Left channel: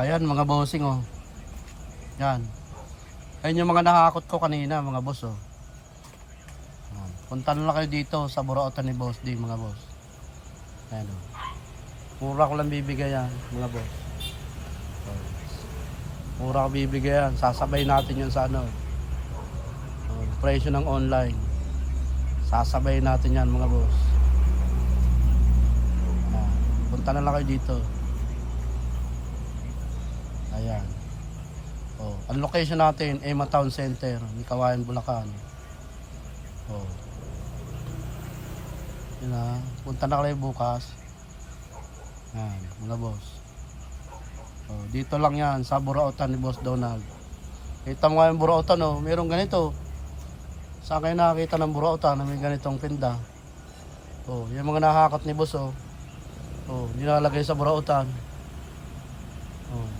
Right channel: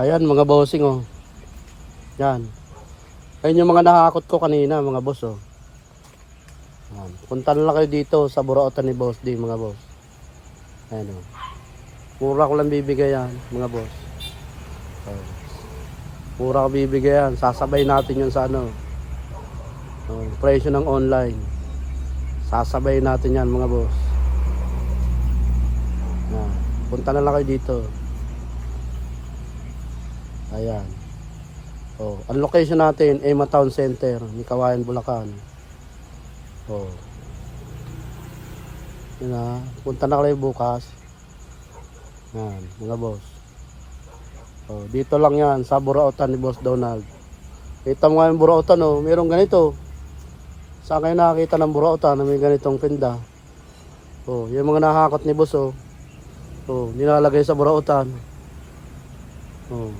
Ayan mga bossing oh. Yan. Ayun yung mga nakakot ko kanina mga boss oh. Yan. Punta na lang kayo dito sa Burautan ni Boss D mga boss. Ayan oh. Mura ko lang bibigay yan mga boss. Ayan. Mura ko bibigay yan. Sasabay natin yun sa ano. Presyo ng online. Sasabay natin yan mga boss. Ayan. Punta na lang kayo dito. Ayan. Oh, ang location natin ay Town Center, Kawayan, Bulacan. Oh. Yan, punta na kayo bukas. Yan, mga boss. Oh, dito lang yan sa Burautan ni Boss Donald. Kita mo nga yung Burautan oh, mayroong ganito. Saan kayo nakakita ng Burautan na may ganitong pinda? Oh, yung mga nakakot ni Boss oh. Oh, nilalagay sa Burautan. Oh.